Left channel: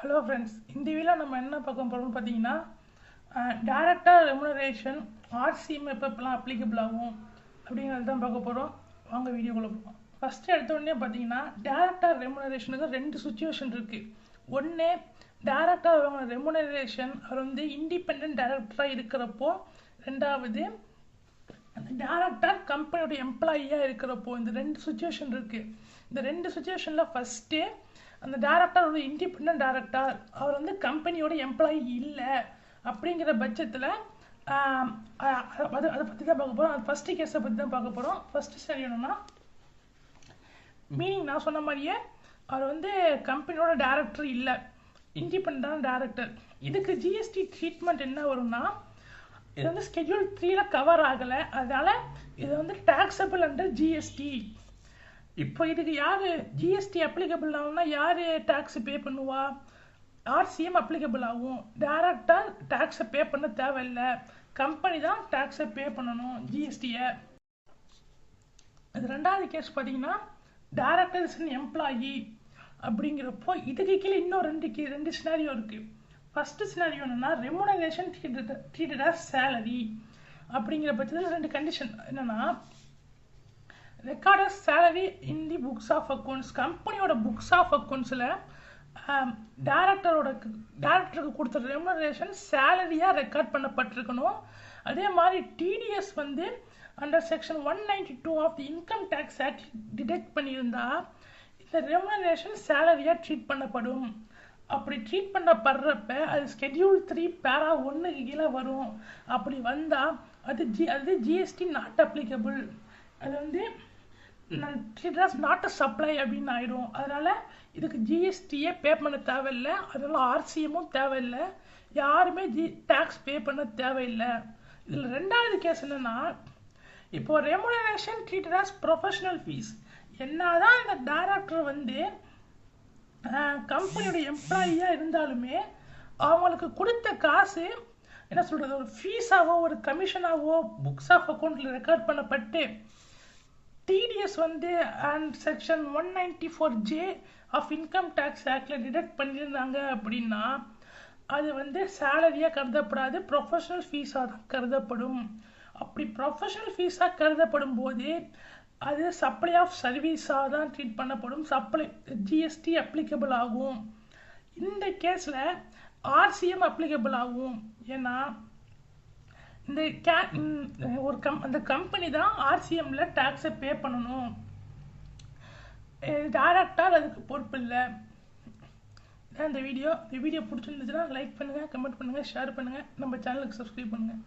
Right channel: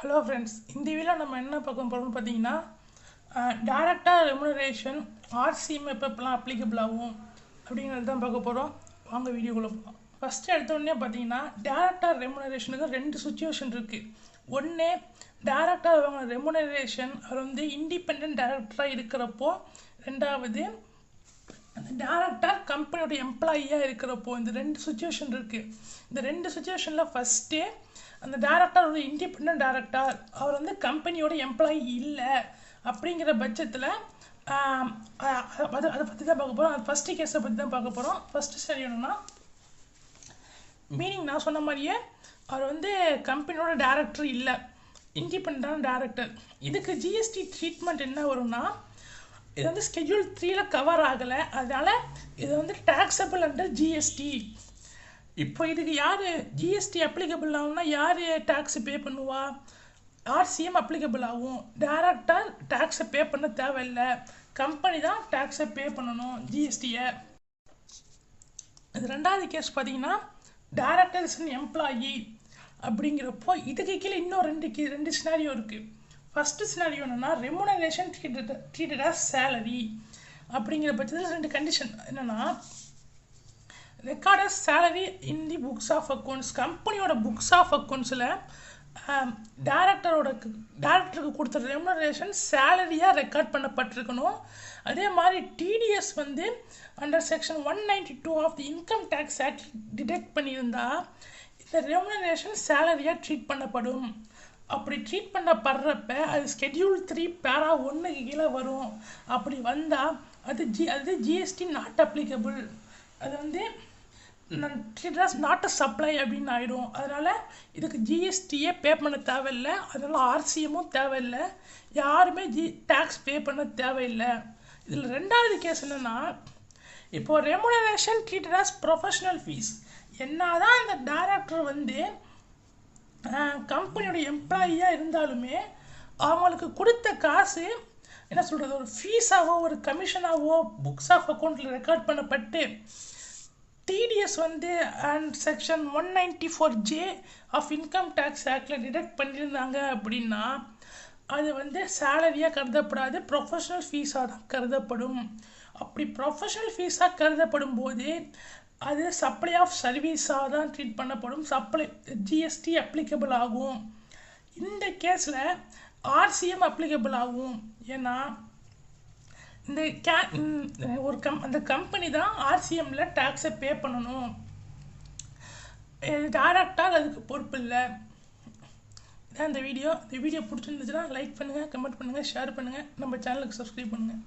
Hello friends, இந்த வீடியோவில் நம்ம என்ன பார்க்க போகிறோம்னு பார்த்தீங்கன்னா டைரக்டாக ரெமுனரேஷன் ஆர்சிஎம் எப்போலாம் அப்ளிகபிள் ஆகும் அப்படிங்கிறது தான் பார்க்க போகிறோம். வாங்க வீடியோக்குள்ளே போகலாம். ஃபஸ்ட்டு எடுத்தோடனே பார்த்தீங்கன்னா டைரக்டாக ரெமுனரேஷனுக்கு ரெண்டு சுச்சுவேஷன் இருக்குது. ஒன்று, டைரக்டாக அவங்க ரெமுனரேஷன் அவர் வந்து இண்டிபெண்ட் டைரக்டராக இருக்கிறப்போ. ரெண்டாவது, அந்த டேரக்டர் கம்பெனியோட எம்ப்ளாயியாக இருக்கிறப்போ. இந்த ரெண்டு சுச்சுவேஷன் இருக்குது. இந்த ரெண்டு சுச்சுவேஷனில் ஃபஸ்ட்டு, அந்த டேரக்டர் ஒரு இண்டிபெண்ட் டேரக்டர், அவர் வந்து கம்பெனியோட எம்ப்ளாயி இல்லை அப்படிங்கிற பட்சத்தில் அதை பற்றி தான் பார்க்க போகிறோம். அது ஃபஸ்ட்டு கேஸை பற்றி தான் பார்க்க போகிறோம். ஃபஸ்ட்டு சரி என்னன்னா, மீனிங் நான் சொன்ன மாதிரியே அவர் வந்து கம்பெனியோட டேரக்டர் இல்லை, இண்டிபெண்டான டேரக்டர். இதுக்கு ஜிஎஸ்டி ட்ரீட்மெண்ட் என்ன வரும்னா, இது வந்து ஸ்கெட்யூல் 3ல கவர் ஆகலை, அதனால் இது வந்து டேக்ஸபிள் அண்டர் ஜிஎஸ்டி. இப்போ இதுக்கு யார் ஜிஎஸ்டி அப்ளிகபிள் ஆகும்னா யார் டேக்ஸை பே பண்ணுவா? ஆர்சிஎம் அப்ளிகபிள் ஆகும். டேரக்டாக டேக்ஸை பே பண்ண தேவையில்லை, கம்பெனி தான் டேக்ஸை பே பண்ணணும் ஜிஎஸ்டியை. இது ரெண்டாவது கேஸ் பார்த்தீங்கன்னா, டேரக்டர் இஸ் அன் எம்ப்ளாயி அப்படிங்கிறப்போ இதுக்கு கீழே இன்னும் ரெண்டு சினாரியோ இருக்குது. ஃபஸ்ட்டு சினாரியோ என்னென்னா, ரெமுனரேஷன் ட்ரீட்டட் ஆஸ் சேலரி அப்படிங்கிற பட்சத்தில் ரெண்டு கண்டிஷன் என்னென்னா, record salary in the books of accounts. கம்பெனியோட புக்ஸ் ஆஃப் அக்கௌண்ட்ஸில் டேரக்டருக்கு கொடுத்த ரெமுனரேஷன் சேலரியாக ரெக்கார்ட் பண்ணப்பட்டிருக்கணும். அதே மாதிரி டிடிஎஸ் வந்து under section 192 of the income tax act deduct பண்ணியிருந்தா இந்த ரெமுனரேஷன் சேலரியாக ட்ரீட் பண்ணப்படும். அப்படி ட்ரீட் பண்ணப்படுறப்ப அது ஸ்கெட்யூல் 3 பேரா 1க்கு கீழே வரும். அப்படி வந்தால் அது ஜிஎஸ்டி நாட் அப்ளிகபிள். அது வந்து நாட் அ சப்ளை அப்படின்னு ஆகிடும். அதனால் இதுக்கு ஜிஎஸ்டியே பே பண்ண தேவையில்லை, அதனால் ஆர்சிஎம்மும் தேவையில்லை, யாருமே டேக்ஸ் பே பண்ண தேவையில்லை. இதில் ரெண்டாவது கேஸ் என்னென்னா, இப்போது remuneration treated as professional fees. என்ன தான் இந்த டைரக்டர் வந்து கம்பெனியோட எம்ப்ளாயியாக இருந்தாலுமே அவங்களுக்கு கொடுத்த காசு என்ன சொல்கிறது, ஒரு ஃபீஸாவோ ஒரு கமிஷனாவோ புக்ஸ் ஆஃப் அக்கௌண்ட்டில் ரெக்கார்ட் பண்ணப்பட்டு டிடிஎஸ் வந்து and section 194J of income tax ஆக்டில் டிடெக்ட் பண்ணியிருந்தாங்க அப்படின்னா அது வந்து சேலரியாக கருதப்படாது, ப்ரொஃபஷனல் ஃபீஸாக தான் கருதப்படும். அப்படி ப்ரொஃபஷனல் ஃபீஸாக கருதப்படும் போது அது சப்ளை ஆஃப் சர்வீஸாக தான் ட்ரீட் பண்ணப்படும், சப்ளை ஜிஎஸ்டி அப்ளிகபிள் ஆகும். இந்த கேஸில் ஆர்சிஎம் அப்ளிகபிள் ஆகும். ஏன்னா இந்த அந்த கம்பெனி தான் ஆர்சிஎம்மில் டேக்ஸை பே பண்ணணும், டேரக்டாக அதுக்கு பொறுப்பு இல்லை. இதான் இந்த வீடியோ பிடிச்சிருந்துச்சுன்னா லைக் பண்ணுங்கள், கமெண்ட் பண்ணுங்கள், ஷேர் பண்ணுங்கள், நம்ம சேனலுக்கு சப்ஸ்கிரைப் பண்ணுங்கள்.